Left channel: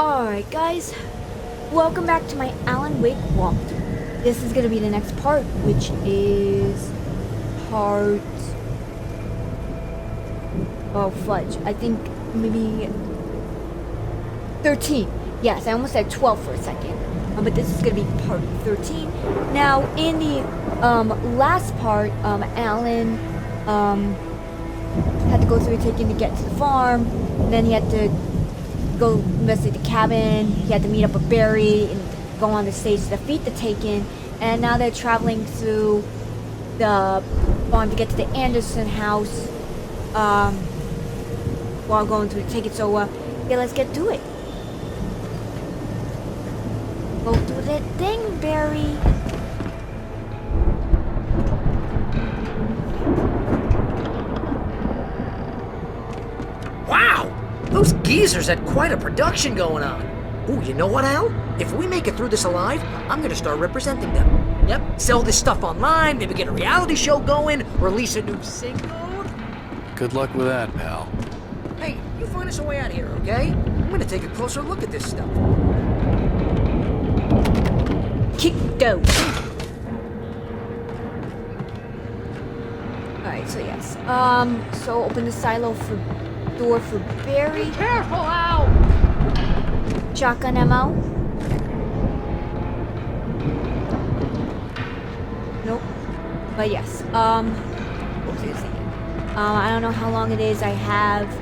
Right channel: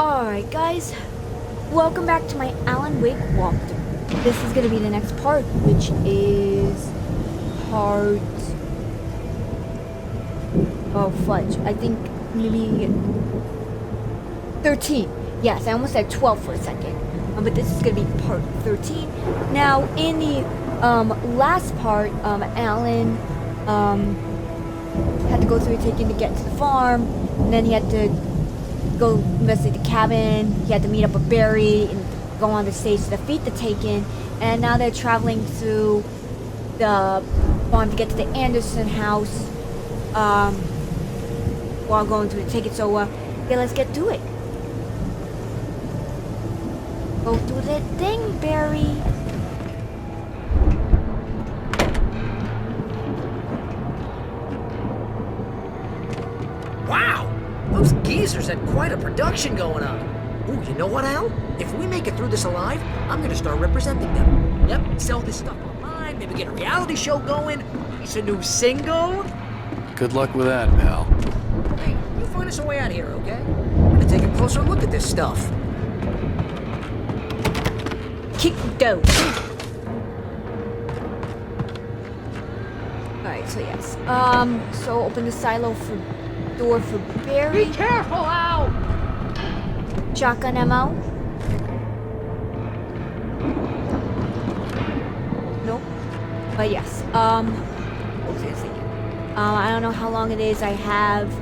Alright guys, welcome back to my Alan Wake walkthrough. This is going to be the next part, which is part... Oh fudge, I think maybe 13. Yes, I almost said 12 for a second. But this is going to be part 13. Now, in the last part, Alan had to go through taking to get to the farm, and then he had to go investigate the cabin. He had to meet up with Barry and go on the stage to defeat the Taken. And now they're traveling through the farm to get to the Anderson house while going through the Taken. So, yeah, let's get to it. Go through that thing, Barry. Wow! Those geezers had quite a production going on. Ooh, you know what, Al? If we make it through this alive, I'm gonna start representing them. Yep, sell this stuff online, maybe get a reality show going, release a new single. Good luck with that, pal. Hey, you find us a way out of here, okay? I'm gonna take a closer look at this stuff. Kick go. Alright, so yes. So open the silo for door for Barry. Be careful, Al! Shotgun ammo. Nope. But yes. What was I thinking? I don't know how long it is I have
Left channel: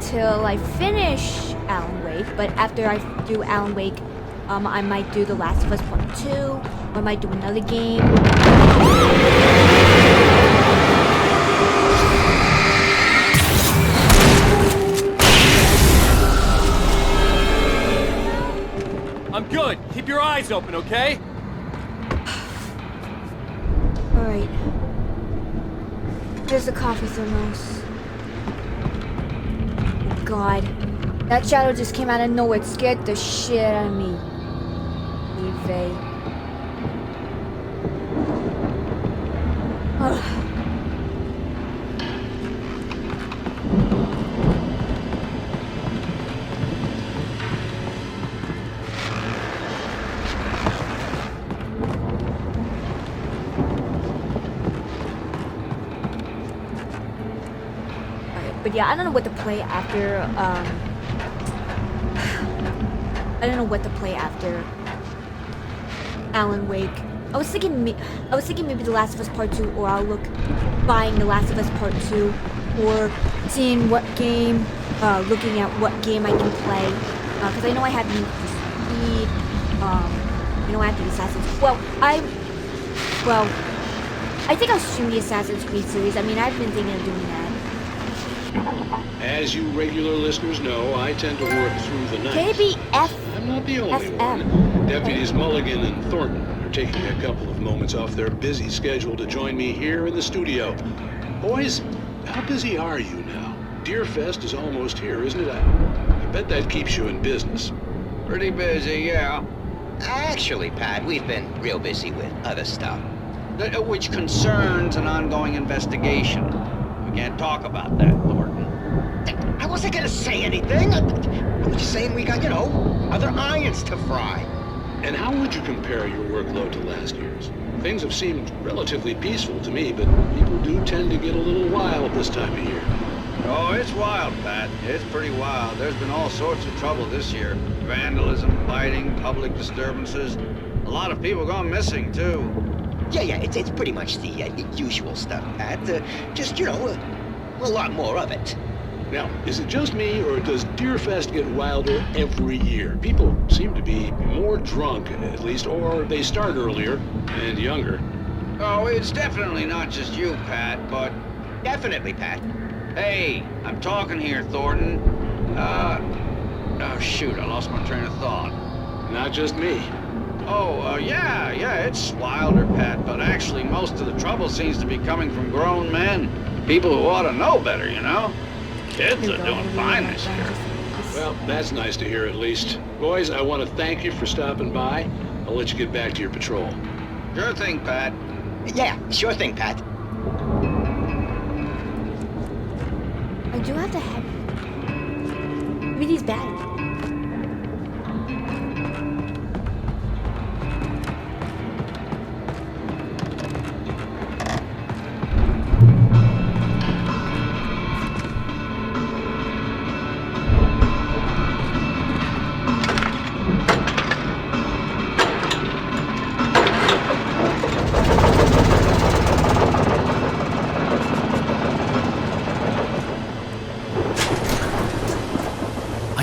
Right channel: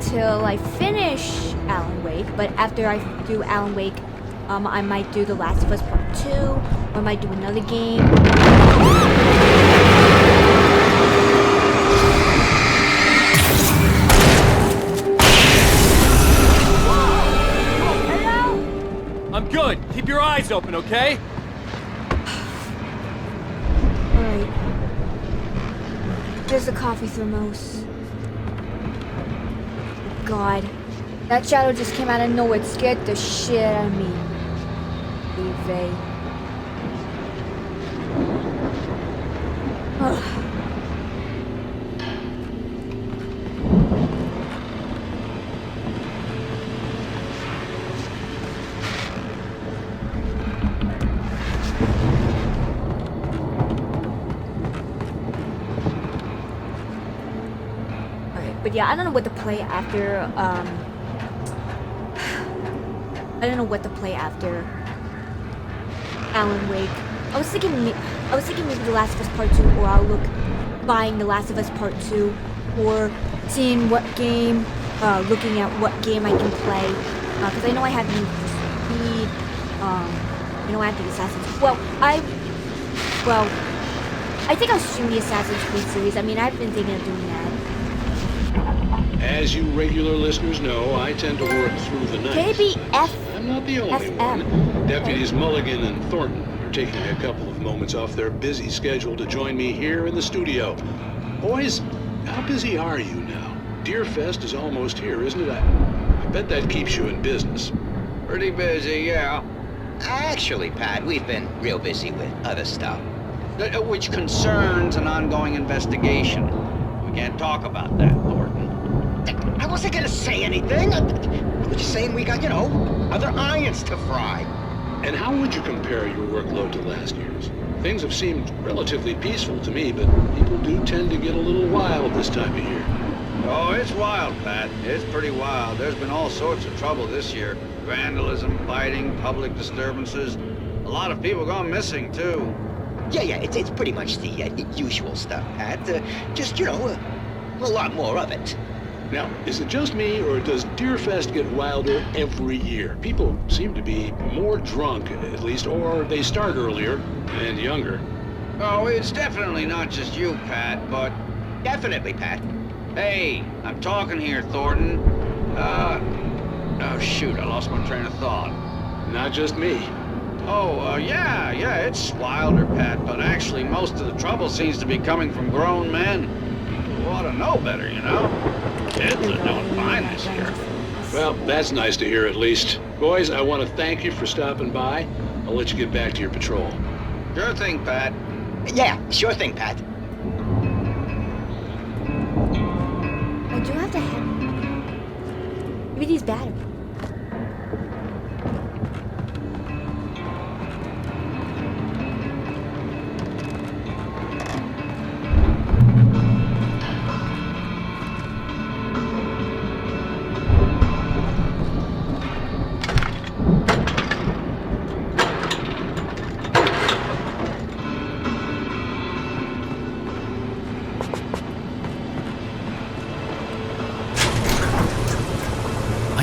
till I finish Alan Wake, but after I do Alan Wake, I might do The Last of Us Part 2, or I might do another game. I'm good. Keep your eyes open, okay? Alright. There's the coffee thermos. Oh god. That shadow just came out of nowhere. It scared the shit out of me. Leave. But yeah, I don't know what to play after, I don't know what to play after Alan Wake. I was thinking maybe The Last of Us Part 2, or I'll look buying The Last of Us Part 2, or seeing what game, looking at what game I can play, because I know I have Need for Speed, you know I have the Assassin's, I think I'll stream the Assassin's Creed series. I mean, I've been thinking of doing that. As you regular listeners know, I tend to work through the night. KBF. I'm not the only one. Deputies Mulligan and Thornton are taking a couple of moments off their busy schedule to join me here in the studio. Boys, how busy are you now? Deerfest is almost here, isn't it? I bet that keeps you in business. Pretty busy, yeah. Actually, Pat, we've been real busy with other stuff, which concerns an ongoing investigation. We can't talk about that, Thornton. I wasn't gonna say anything. I was just saying we got, other irons to fry. And how would you compare your workload to last year's? Things have seemed relatively peaceful to me, but people do tend to get a little wild this time of year. Oh, it's wild, Pat. It's pretty wild. There's been all sorts of trouble this year. Vandalism, fighting, public disturbances. A lot of people gone missing, too. Yeah, it's pretty much the usual stuff, Pat. Just, a lot more of it. Now, is it just me, or does Deerfest get wilder every year? People seem to be more drunk, at least, or they start earlier and younger. Oh, it's definitely not just you, Pat, but... Definitely, Pat. Hey, I'm talking here, Thornton. Oh, shoot, I lost my train of thought. Not just me. Oh, yeah, it's wilder, Pat, but actually most of the trouble seems to be coming from grown men. People who ought to know better, Kids are doing fine this year. Well, that's nice to hear at least. Boys, I want to thank you for stopping by. I'll let you get back to your patrol. Sure thing, Pat. Yeah, sure thing, Pat. I do have to have... Maybe these batteries.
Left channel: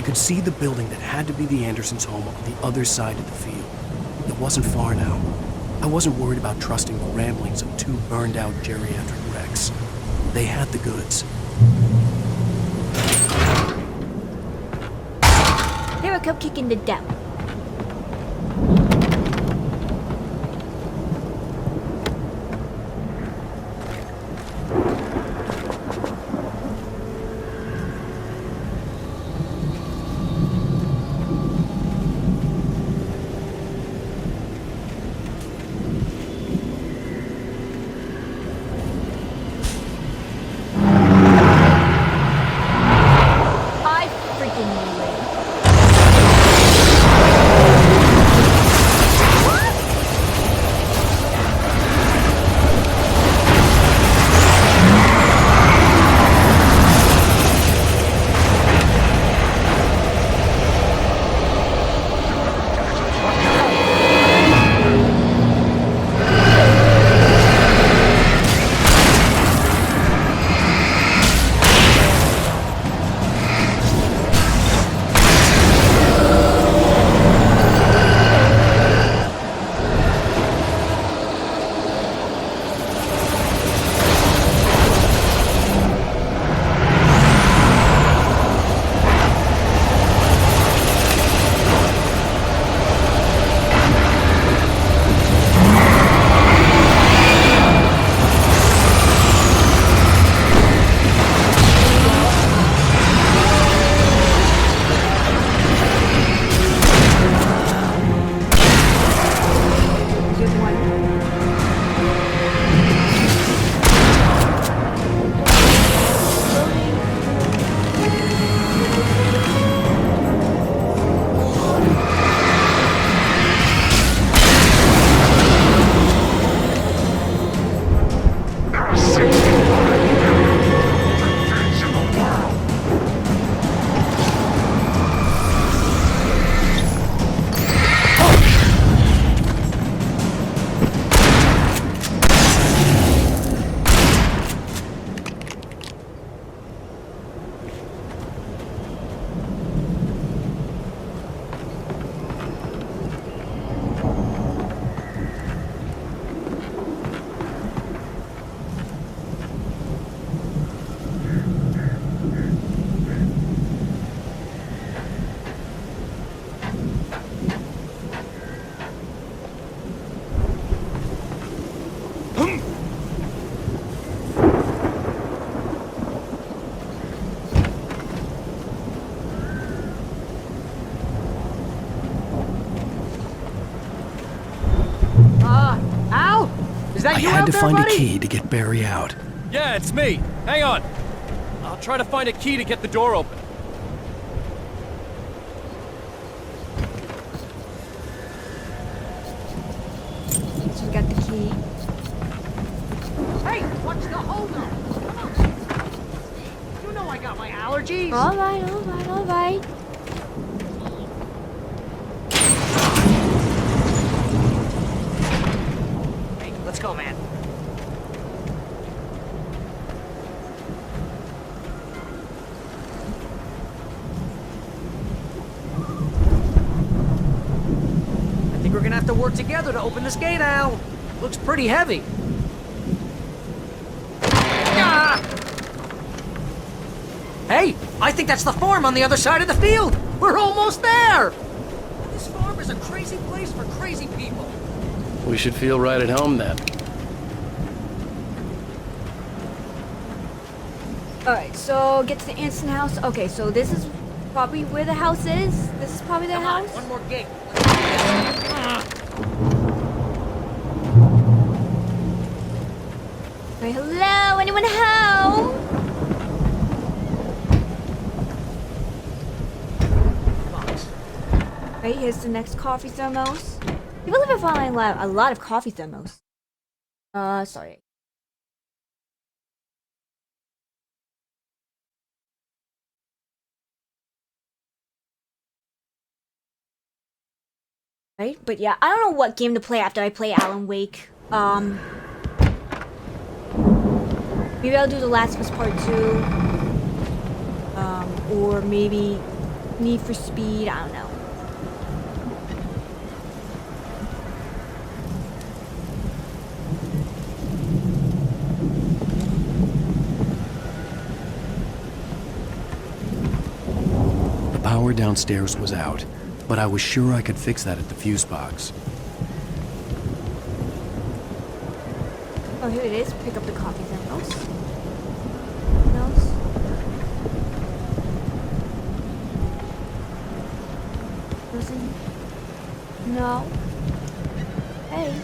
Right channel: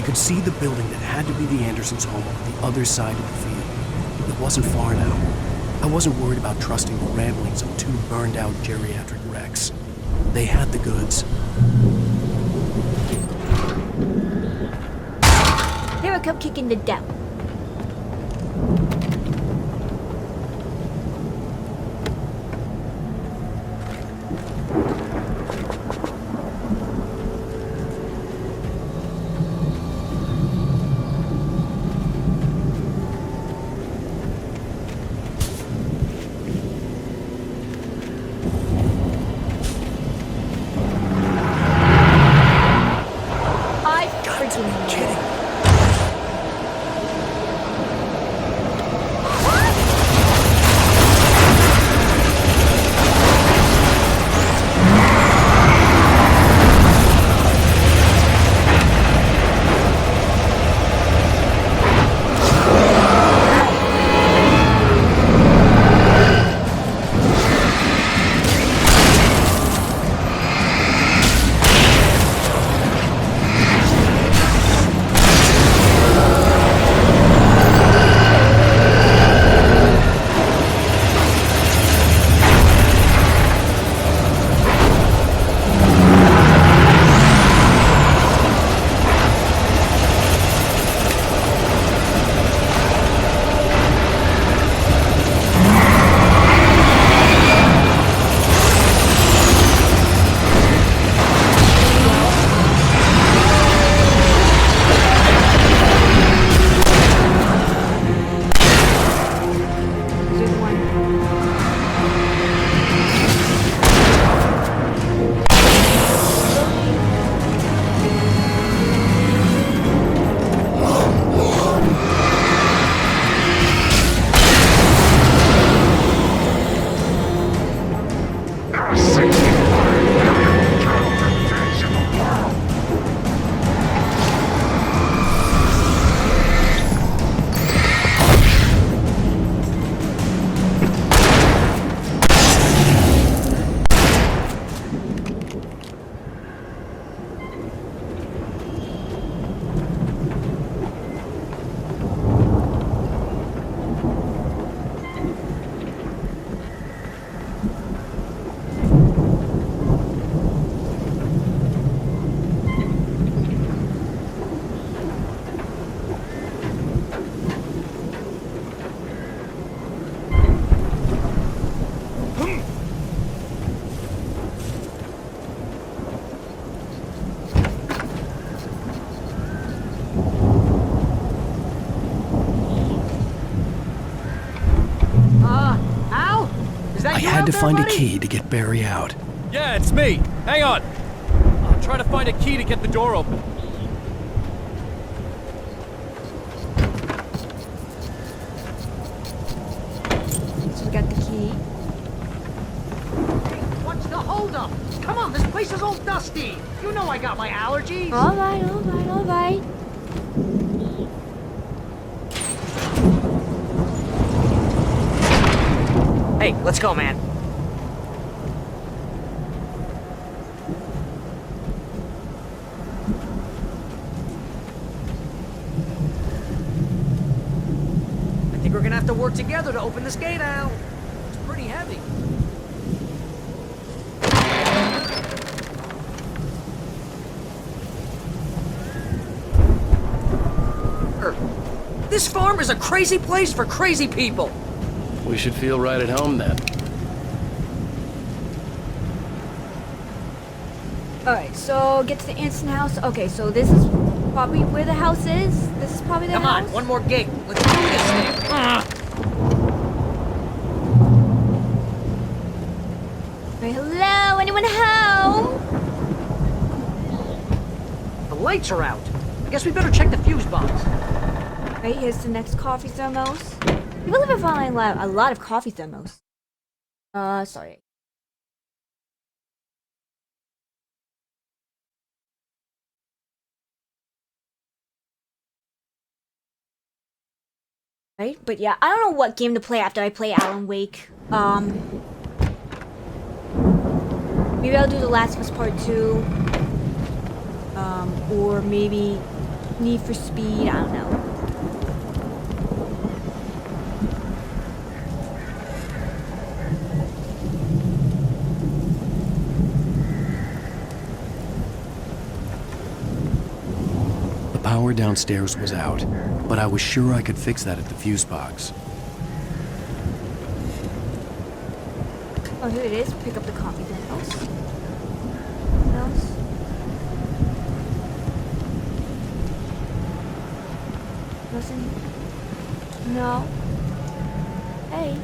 could see the building that had to be the Andersons' home on the other side of the field. It wasn't far now. I wasn't worried about trusting the ramblings of two burned-out geriatric wrecks. They had the goods. Here I come kicking the devil. I freaking knew it. I had to find a key to get Barry out. Yeah, it's me. Hang on. I'll try to find a key to get the door open. So we got the key. Hey, what's the holdup? Come on, this place is all dusty. You know I got my allergies. Alright, alright, alright. Hey, let's go, man. I think we're gonna have to work together to open this gate, Al. Looks pretty heavy. Ah! Hey, I think that's the farm on the other side of the field. We're almost there. This farm is a crazy place for crazy people. We should feel right at home then. Alright, so get to the Anderson house. Okay, so this is probably where the house is. This is probably the Come house. on, one more gate. Let's do this. Alright, hello? Anyone home? The lights are out. I guess we better check the fuse box. Right, here's the next coffee thermos. People live in finding a lot of coffee thermos. Sorry. Right, but yeah, I don't know what game to play after I play Alan Wake. Maybe I'll do The Last of Us Part 2. Or maybe Need for Speed, I don't know. The power downstairs was out, but I was sure I could fix that at the fuse box. Oh, here it is. Pick up the coffee thermos. What else? Nothing here? No. Hey.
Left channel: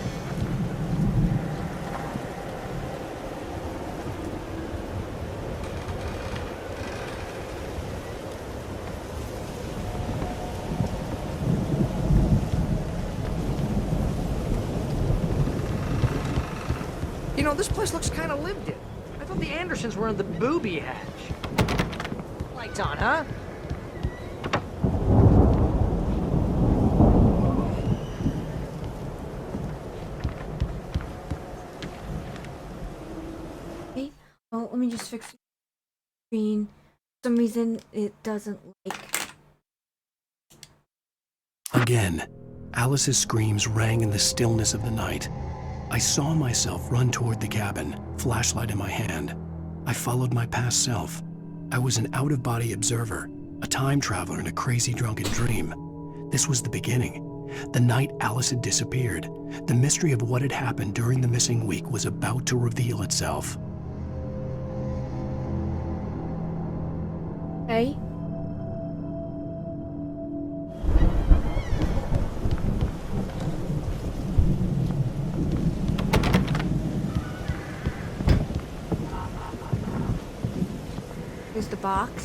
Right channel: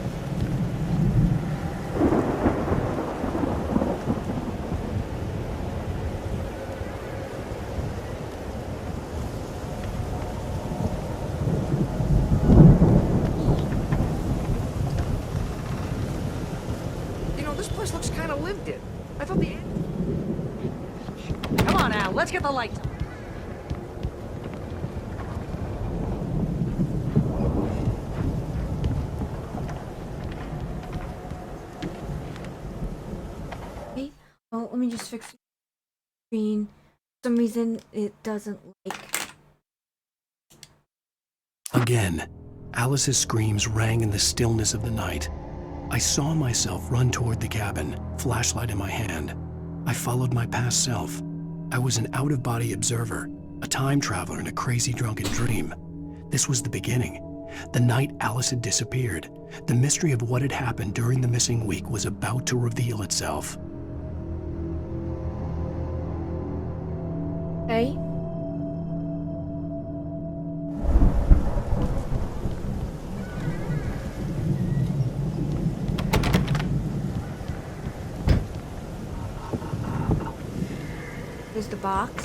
You know, this place looks kind of lived in. I thought the Andersons were in the booby hatch. Come on, Al, let's get the lights on, huh? Okay. Well, let me just fix the screen. For some reason, it doesn't like. Again, Alice's screams rang in the stillness of the night. I saw myself run toward the cabin, flashlight in my hand. I followed my past self. I was an out-of-body observer, a time traveler in a crazy drunken dream. This was the beginning. The night Alice had disappeared. The mystery of what had happened during the missing week was about to reveal itself. Hey. Here's the box.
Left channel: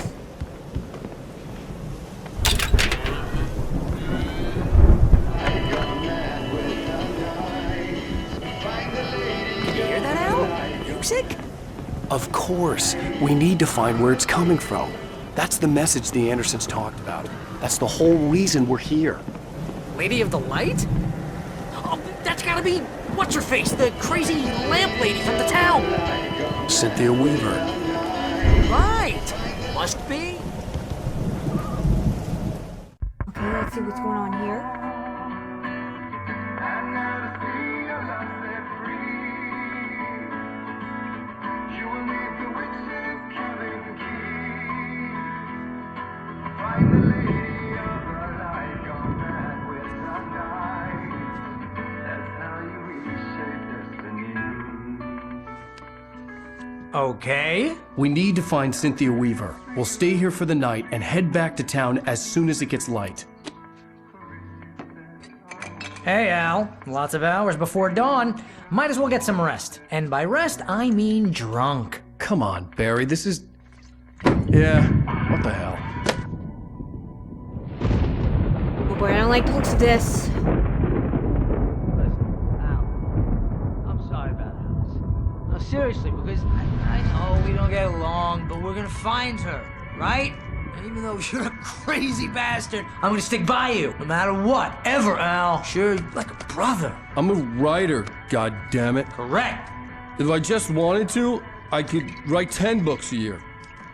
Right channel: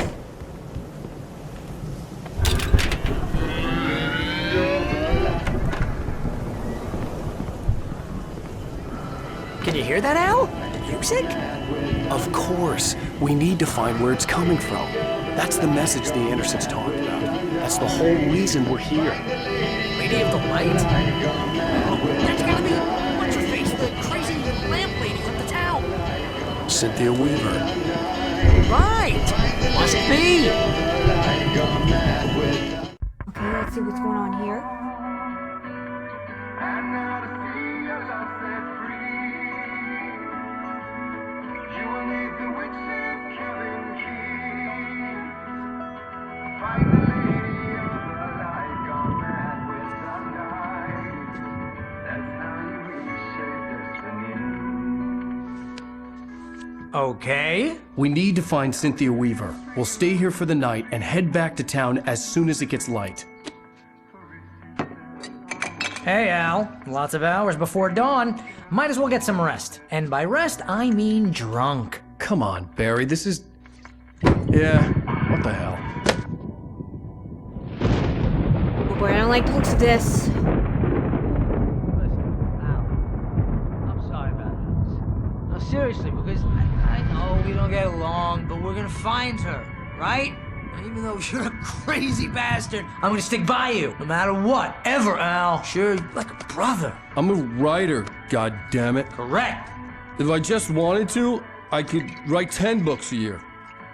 Can you hear that, Al? Music? Of course, we need to find where it's coming from. That's the message the Andersons talked about. That's the whole reason we're here. Lady of the Light? Oh, that's gotta be what's-her-face, the crazy lamp lady from the town. Cynthia Weaver. Right! Must be! Okay, let's see what's going on here. Okay. We need to find Cynthia Weaver. We'll stay here for the night and head back to town as soon as it gets light. Hey, Al. Lots of hours before dawn. Might as well get some rest. And by rest, I mean drunk. Come on, Barry, this is... Yeah, what the hell? Oh boy, I don't like the looks of this. Listen, Al. I'm sorry about this. No, seriously, because I know we don't get along, but we're gonna find her, right? And even though you're a crazy bastard, I'm gonna stick by you, no matter what, ever, Al. Sure, like a brother. I'm a writer, goddammit. Correct. If I just wanted to, I could write 10 books a year.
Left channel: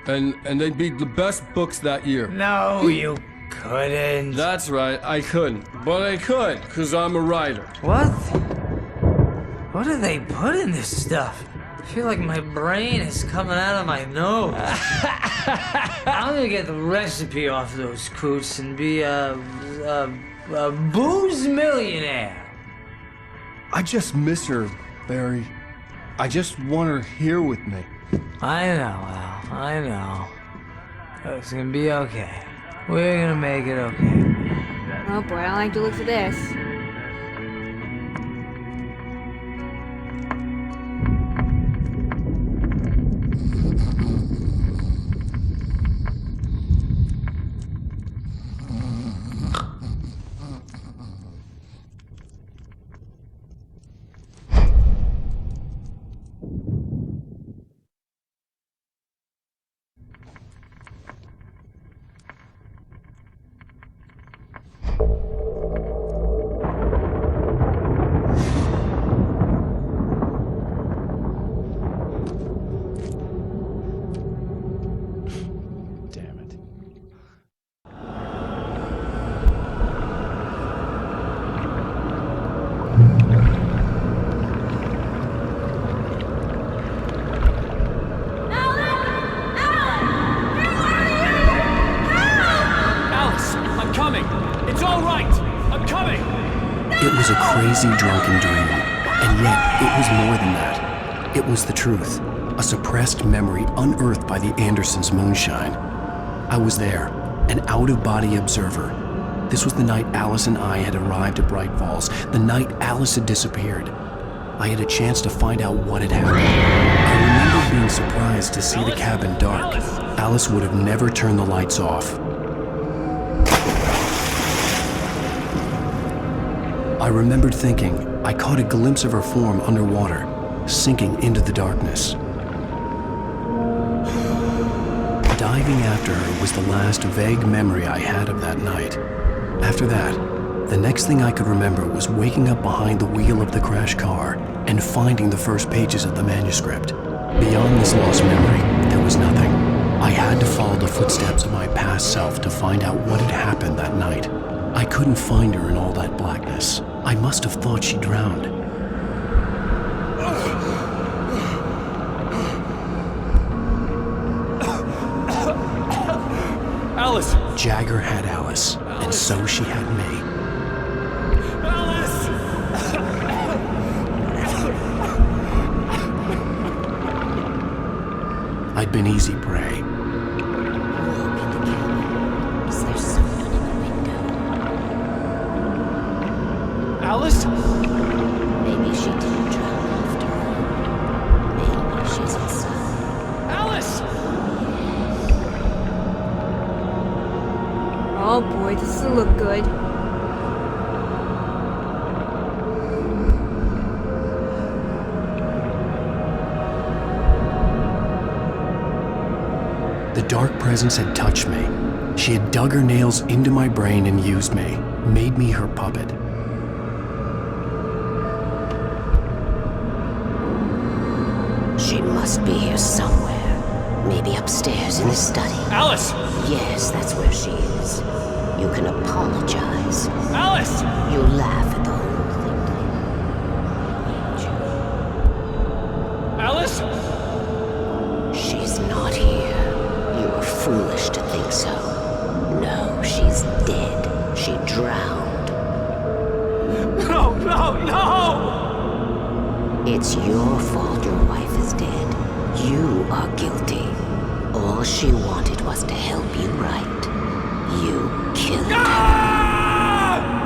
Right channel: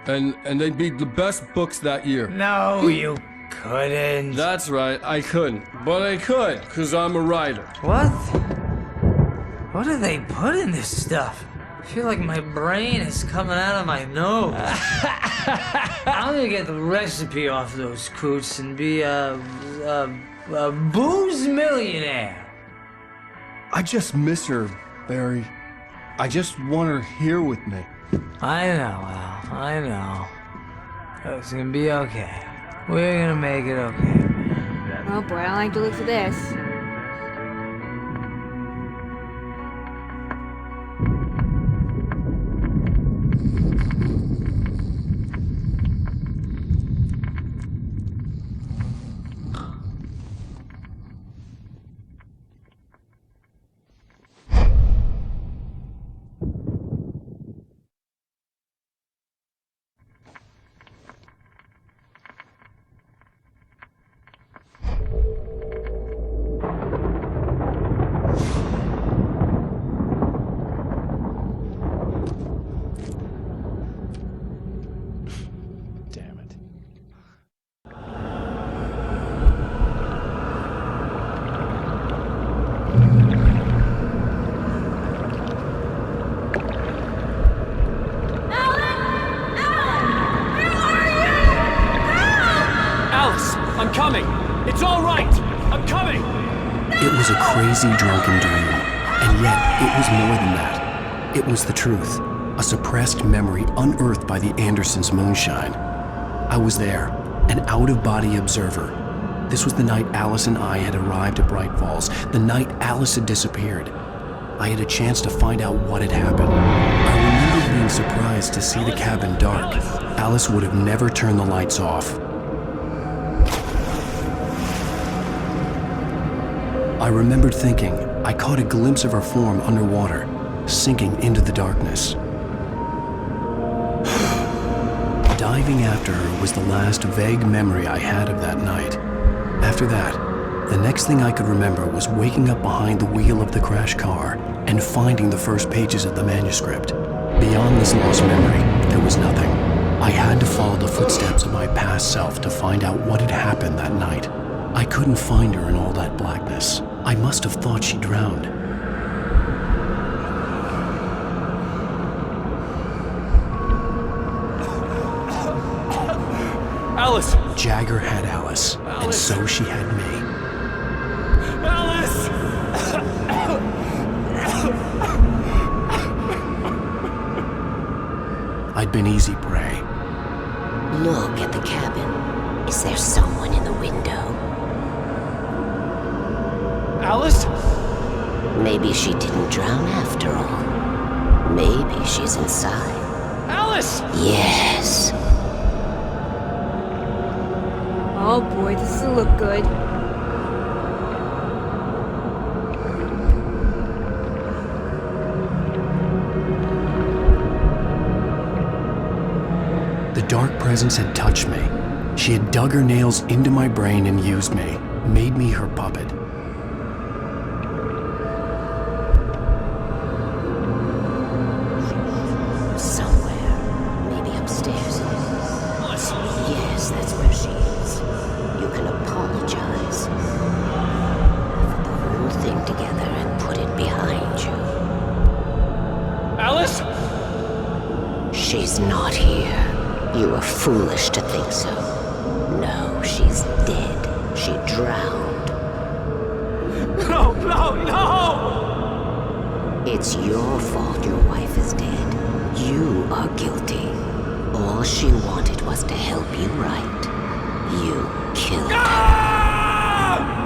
And they'd be the best books that year. No, you couldn't. That's right, I couldn't. But I could, because I'm a writer. What? What do they put in this stuff? I feel like my brain is coming out of my nose. I'm gonna get the recipe off those coots and be a booze millionaire. I just miss her, Barry. I just want her here with me. I know, Al. I know. It's gonna be okay. We're gonna make it okay. Oh boy, I don't like the looks of this. I'm coming! It's all right! I'm coming! It was a crazy drunken dream, and yet it was more than that. It was the truth, a suppressed memory unearthed by the Andersons' moonshine. I was there, an out-of-body observer. This was the night Alice and I had arrived at Bright Falls, the night Alice had disappeared. I had a chance to find out what had happened. I remember being surprised to see the cabin dark. Alice would have never turned the lights off. I remembered thinking I caught a glimpse of her form underwater, sinking into the darkness. Diving after her was the last vague memory I had of that night. After that, the next thing I could remember was waking up behind the wheel of the crashed car and finding the first pages of the manuscript. Beyond this lost memory, there was nothing. I had to follow the footsteps of my past self to find out what had happened that night. I couldn't find her in all that blackness. I must have thought she drowned. Alice! Jagger had Alice, and so she had me. Alice! I'd been easy prey. Look at the cabin. Is there someone in the window? Alice? Maybe she didn't drown after all. Maybe she's inside. Alice! Yes. Oh boy, this will look good. The dark presence had touched me. She had dug her nails into my brain and used me, made me her puppet. She must be here somewhere. Maybe upstairs in the study. Alice! Yes, that's where she is. You can apologize. Alice! You laugh at the whole thing together and put it behind you. Alice? She's not here. You were foolish to think so. No, she's dead. She drowned. No, no, no! It's your fault your wife is dead. You are guilty. All she wanted was to help you right. You killed her.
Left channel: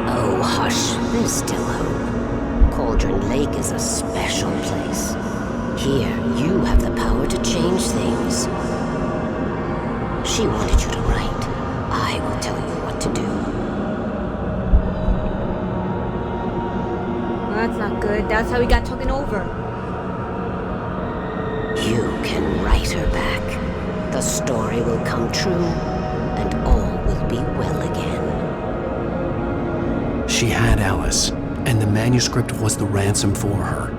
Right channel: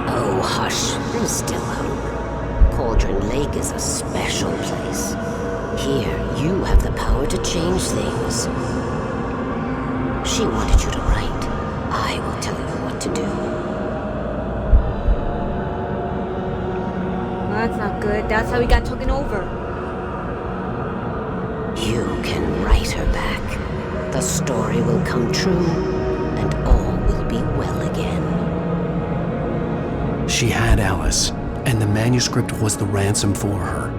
Oh, hush. There's still hope. Cauldron Lake is a special place. Here, you have the power to change things. She wanted you to write. I will tell you what to do. Well, that's not good. That's how we got taken over. You can write her back. The story will come true, and all will be well again. She had Alice, and the manuscript was the ransom for her.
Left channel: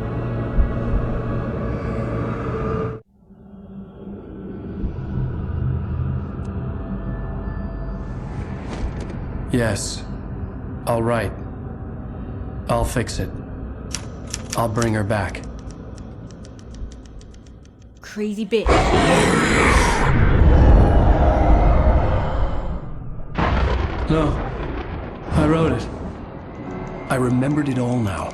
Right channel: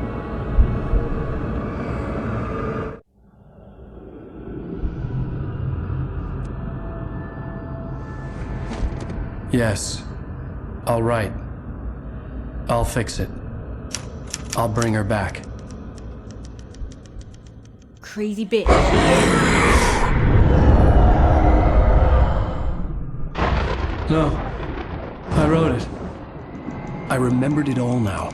Yes, I'll write. I'll fix it. I'll bring her back. Crazy bitch. No, I wrote it. I remembered it all now.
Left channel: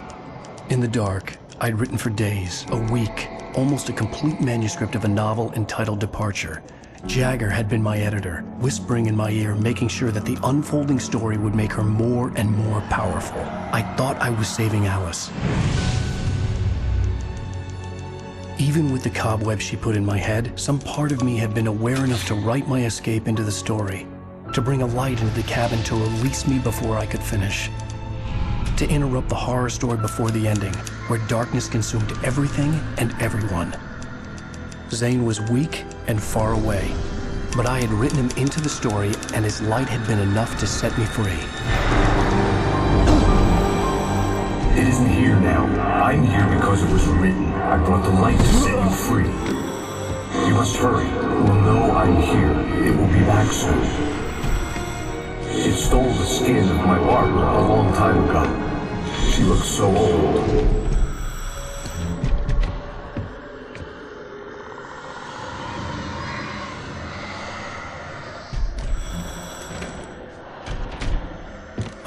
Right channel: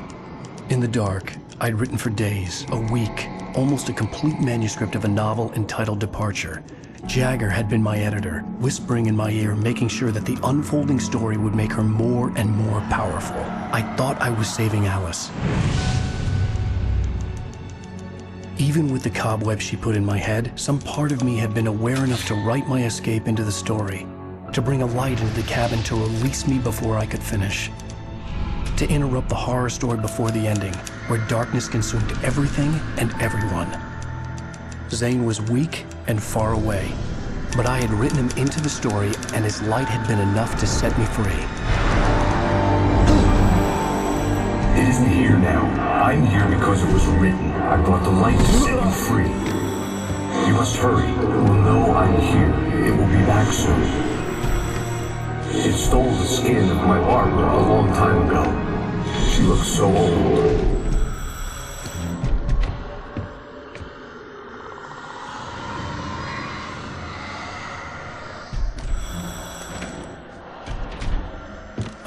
In the dark, I'd written for days, a week, almost a complete manuscript of a novel entitled Departure. Jagger had been my editor, whispering in my ear, making sure that the unfolding story would make her more and more powerful. I thought I was saving Alice. Even with the cobwebs she put in my head, some part of me had been aware enough to write my escape into the story, to bring a light into the cabin to release me before I could finish, to interrupt the horror story before the ending, where darkness consumed everything and everyone. Zane was weak and far away, but I had written him into the story, and his light had been enough to set me free. It isn't here now. I'm here because it was written. I brought the light to set you free. You must hurry. It will know I'm here. It will be back soon. It stole the skin of my Barbara a long time ago. She looks so old.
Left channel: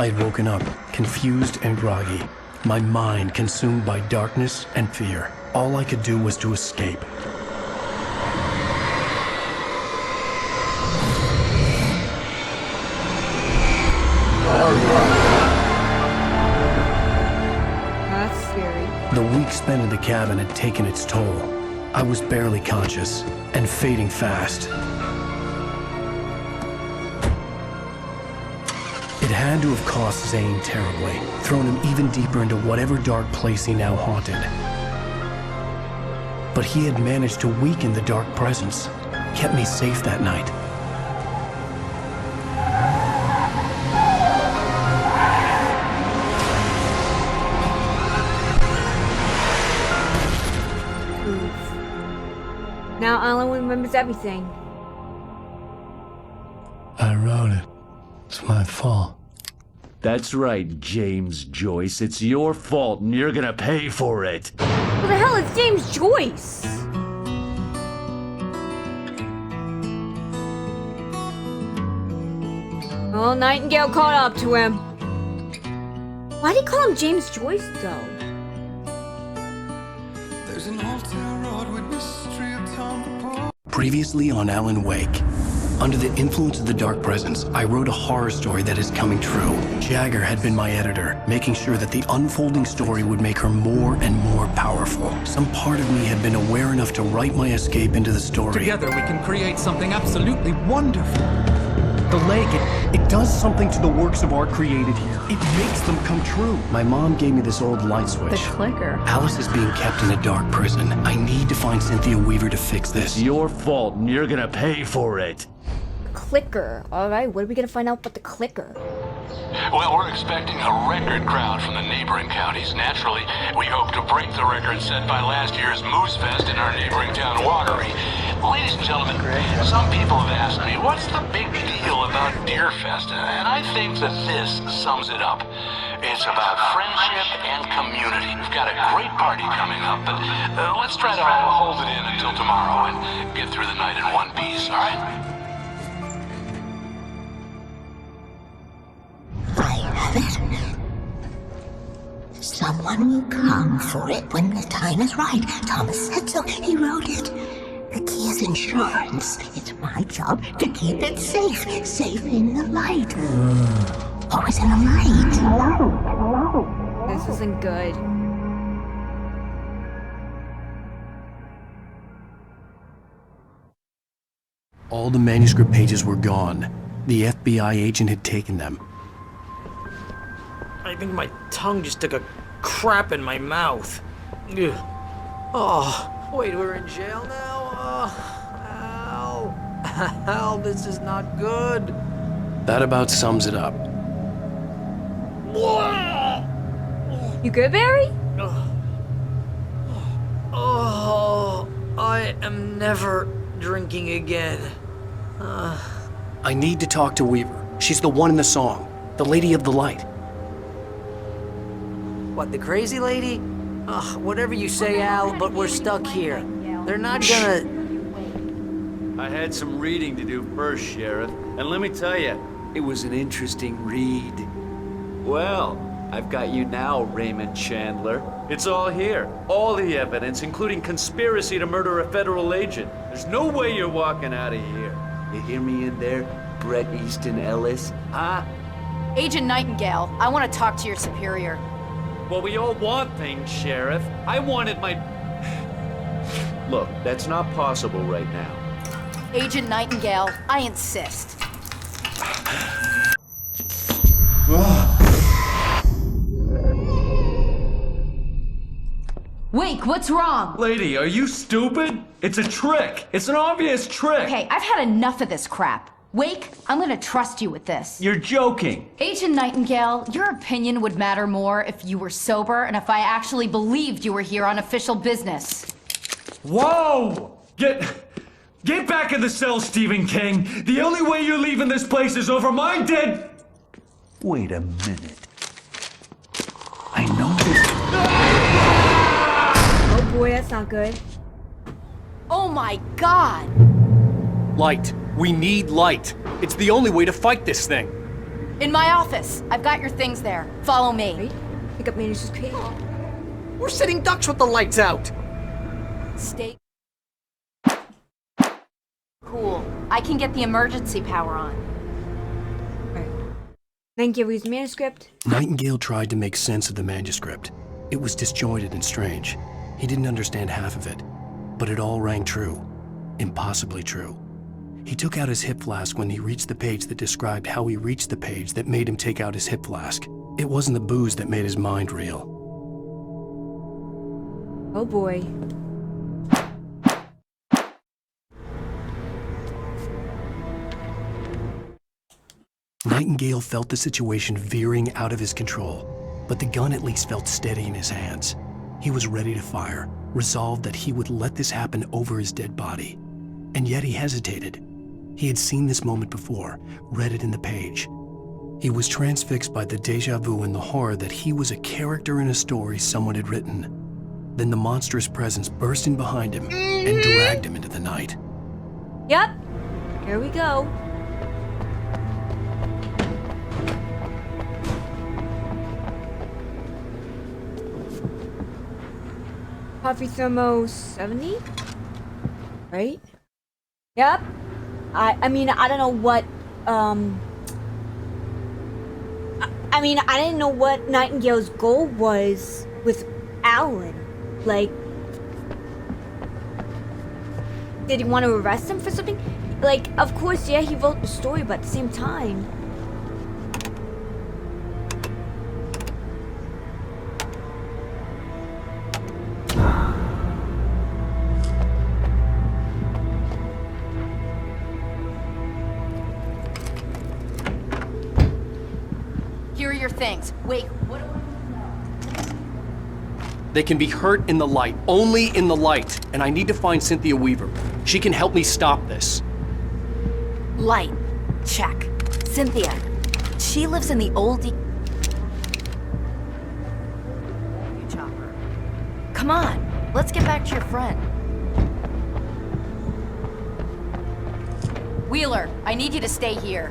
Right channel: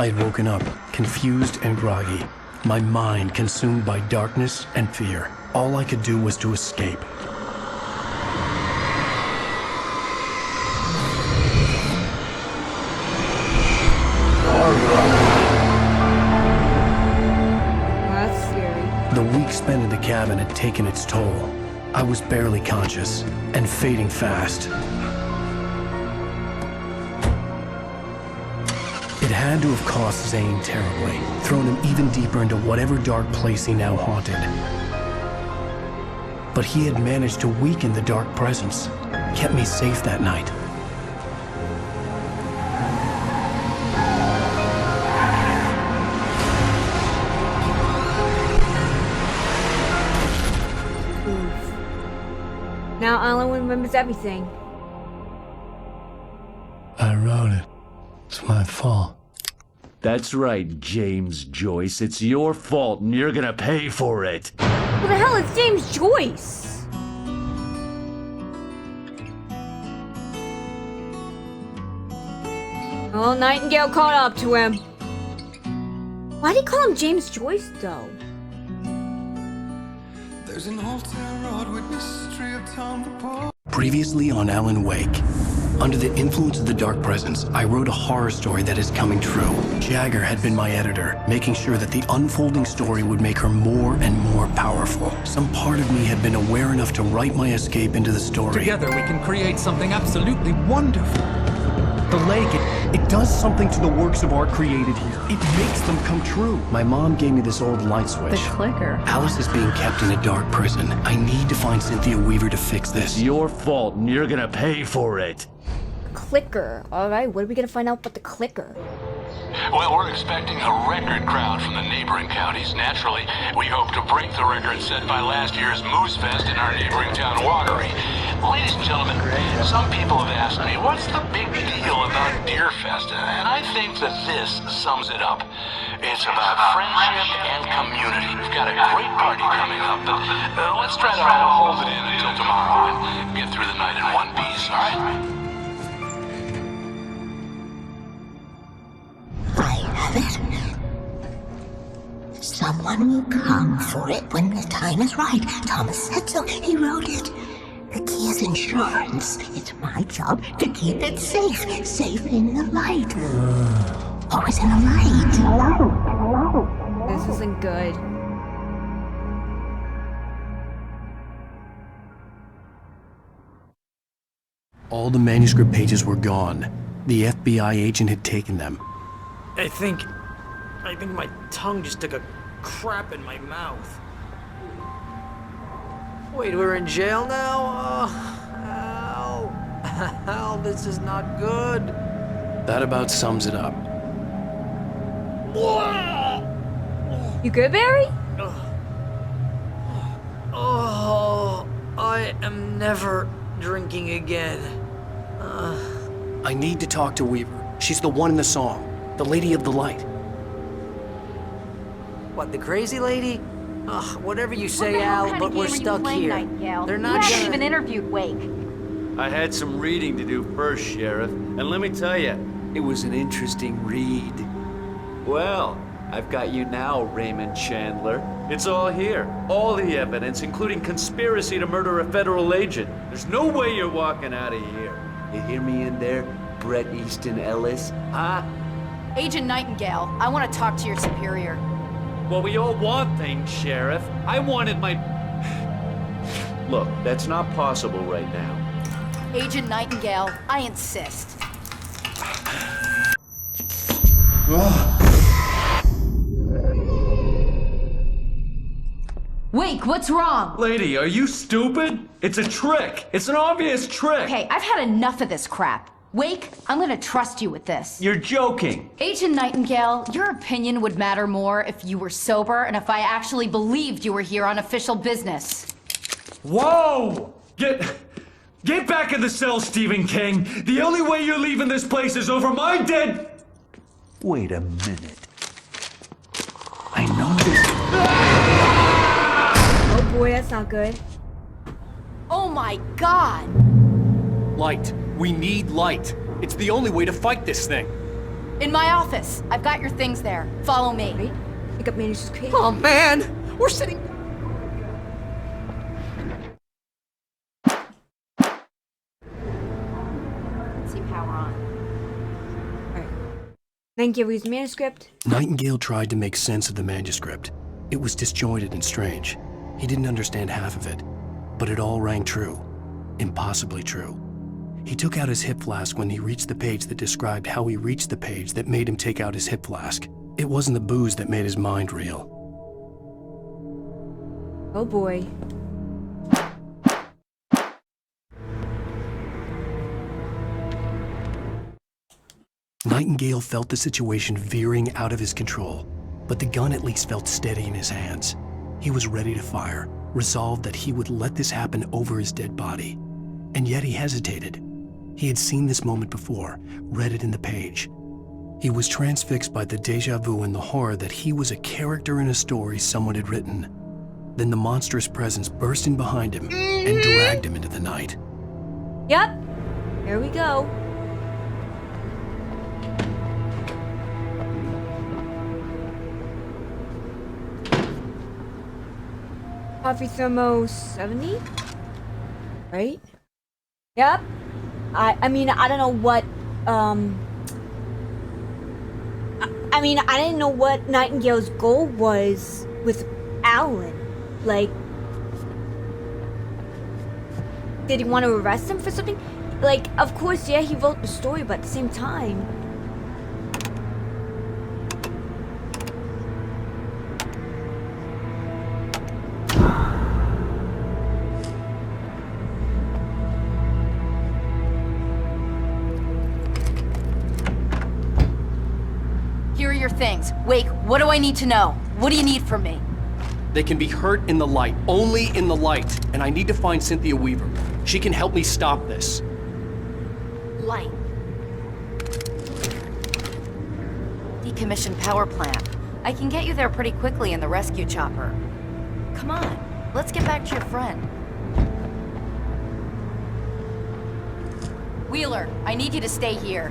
I had woken up, confused and groggy, my mind consumed by darkness and fear. All I could do was to escape. That's scary. The week spent in the cabin had taken its toll. I was barely conscious, and fading fast. It had to have cost Zane terribly, thrown him even deeper into whatever dark place he now haunted. But he had managed to weaken the dark presence, kept me safe that night. Now Alan remembers everything. I wrote it. It's my fault. That's right, James Joyce. It's your fault and you're gonna pay for it. Who the hell is James Joyce? Well, Nightingale caught up to him. Why'd he call him James Joyce, though? There's an old town road with mystery of Tom the Poor. Previously on Alan Wake. Under the influence of the dark presence, I wrote a horror story that is coming true. Jagger had been my editor, making sure that the unfolding story would make her more and more powerful. Some part of me had been aware enough to write my escape into the story. Together we can create something absolutely wonderful. The lake, it does something to the works of art created here. It makes them come true. My mom gave me this old light switch. The clicker. Alice is being kept in a dark prison. I need to find Cynthia Weaver to fix this. It's your fault and you're gonna pay for it. Clicker. Alright, what are we gonna find out about the clicker? Well, we're expecting a record crowd from the neighboring counties. Naturally, we hope to break the record set by last year's Moose Fest in our neighboring town, Watery. Ladies and gentlemen, some people have asked me, what's the big deal about Deer Fest? And I think that this sums it up. It's about friendship and community. We've got a great party coming up, but let's try to hold it in until tomorrow and get through the night in one piece, all right? I have it. Someone will come for it when the time is right. Thomas said so. He wrote it. The key is insurance. It's my job to keep it safe. Safe in the light. Always in the light. This isn't good. All the manuscript pages were gone. The FBI agent had taken them. I think my tongue just took a crap in my mouth. Ugh. Oh, wait, we're in jail now? Al. Al, this is not good. That about sums it up. You good, Barry? Oh, I am never drinking again. I need to talk to Weaver. She's the one in the song. The Lady of the Light. What, the crazy lady? Ugh, whatever you say, Al, but we're stuck here. They're not gonna... interviewed Wake. I had some reading to do first, Sheriff, and let me tell you, it was an interesting read. Well, I've got you now, Raymond Chandler. It's all here. All the evidence, including conspiracy to murder a federal agent. There's no way you're walking out of here. You hear me in there, Bret Easton Ellis? Huh? Agent Nightingale, I want to talk to your superior. Well, we all want things, Sheriff. I wanted my... Look, that's not possible right now. Agent Nightingale, I insist. Wake, what's wrong? Lady, are you stupid? It's a trick. It's an obvious trick. Okay, I've had enough of this crap. Wake, I'm gonna trust you with this. You're joking. Agent Nightingale, your opinion would matter more if you were sober and if I actually believed you were here on official business. Whoa! Get back in the cell, Stephen King. The only way you're leaving this place is over my dead... Wait a minute. I know this... Oh boy, that's not good. Oh my God! Light. We need light. It's the only way to fight this thing. In my office. I've got your things there. Follow me. Right? Pick up manager's crate. Oh man, we're sitting ducks with the lights out. Stay cool. I can get the emergency power on. Alright. Nightingale reads the manuscript. Nightingale tried to make sense of the manuscript. It was disjointed and strange. He didn't understand half of it, but it all rang true. Impossibly true. He took out his hip flask when he reached the page that described how he reached the page that made him take out his hip flask. It wasn't the booze that made his mind reel. Oh boy. Nightingale felt the situation veering out of his control, but the gun at least felt steady in his hands. He was ready to fire, resolved that he would let this happen over his dead body. And yet he hesitated. He had seen this moment before, read it in the page. He was transfixed by the déjà vu and the horror that he was a character in a story someone had written. Then the monstrous presence burst in behind him and dragged him into the night. Yep. Here we go. Coffee thermo 70? Right? Yep. I mean, I don't know what, I mean, I didn't know what Nightingale's goal was with Alan. Like, did he want to arrest him for something? Like, of course, yeah, he wrote the story, but at the same time... Here are your things. Wake, what do I need to know? What do you need from me? They can be hurt in the light, only in the light. And I need to find Cynthia Weaver. She can help me stop this. Light. Check. Cynthia. She lives in the old decommissioned power plant. I can get you there pretty quickly in the rescue chopper. Come on, let's get back to your friend. Wheeler, I need you to stay here.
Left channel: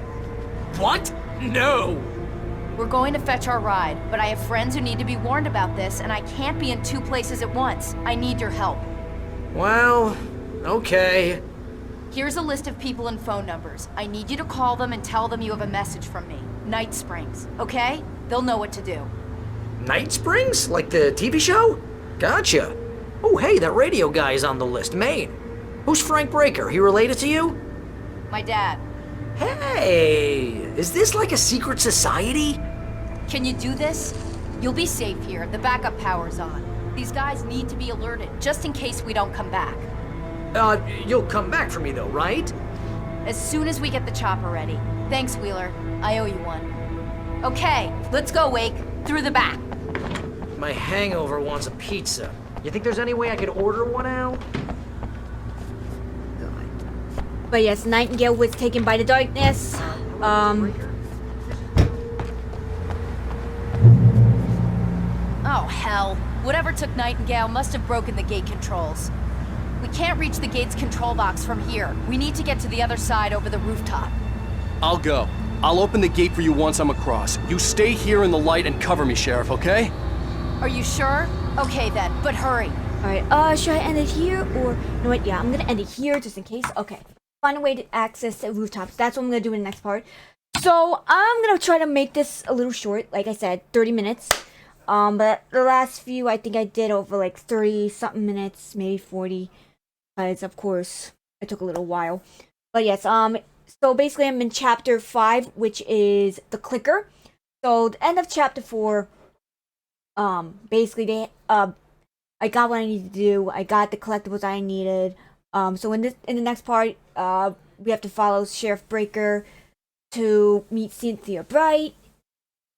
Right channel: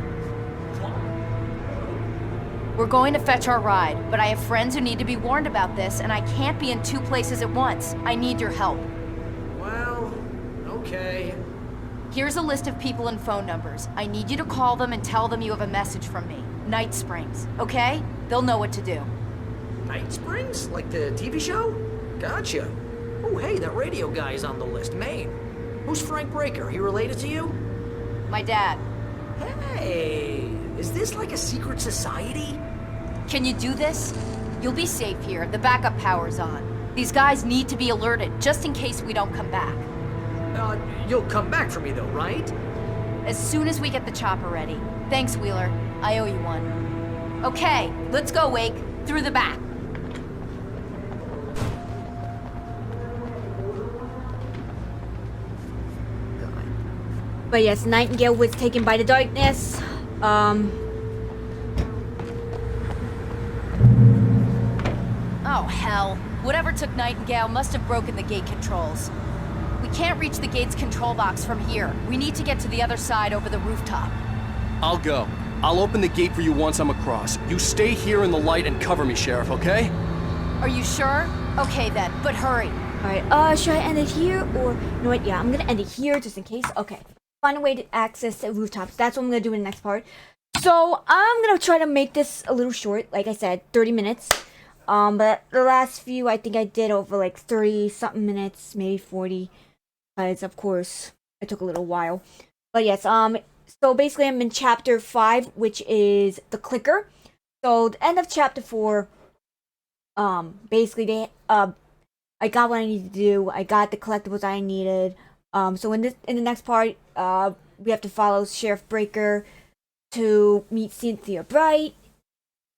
What? No. We're going to fetch our ride, but I have friends who need to be warned about this, and I can't be in two places at once. I need your help. Well, okay. Here's a list of people and phone numbers. I need you to call them and tell them you have a message from me. Night Springs, okay? They'll know what to do. Night Springs? Like the TV show? Gotcha. Oh, hey, that radio guy is on the list, Maine. Who's Frank Breaker? He related to you? My dad. Hey, is this like a secret society? Can you do this? You'll be safe here. The backup power's on. These guys need to be alerted, just in case we don't come back. You'll come back for me though, right? As soon as we get the chopper ready. Thanks, Wheeler. I owe you one. Okay, let's go, Wake. Through the back. My hangover wants a pizza. You think there's any way I could order one out? But yes, Nightingale was taken by the darkness. Oh, hell. Whatever took Nightingale must have broken the gate controls. We can't reach the gate's control box from here. We need to get to the other side over the rooftop. I'll go. I'll open the gate for you once I'm across. You stay here in the light and cover me, Sheriff, okay? Are you sure? Okay then, but hurry. Alright, should I end it here? Or, you know what, yeah, I'm gonna end it here just in case. Okay. Find a way to access the rooftops. That's what I'm gonna do in the next part. So, I'm gonna try to make this a little short. Like I said, 30 minutes. But the last few, I think I did over like 30-something minutes, maybe 40. Because, of course, it took a little while. But yes, so basically I'm in chapter 5, which is the clicker. So, the end of chapter 4, basically they, I got what I needed to do. I got the collectibles I needed. So in the next part, we have to follow Sheriff Breaker to meet Cynthia Bright.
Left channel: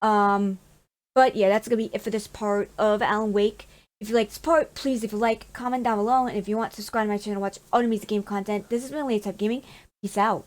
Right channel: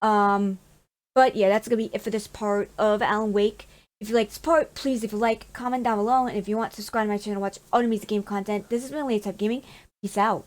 But yeah, that's gonna be it for this part of Alan Wake. If you like this part, please, if you like, comment down below. And if you want to subscribe to my channel, watch all the music game content. This has been Lazy Type Gaming. Peace out.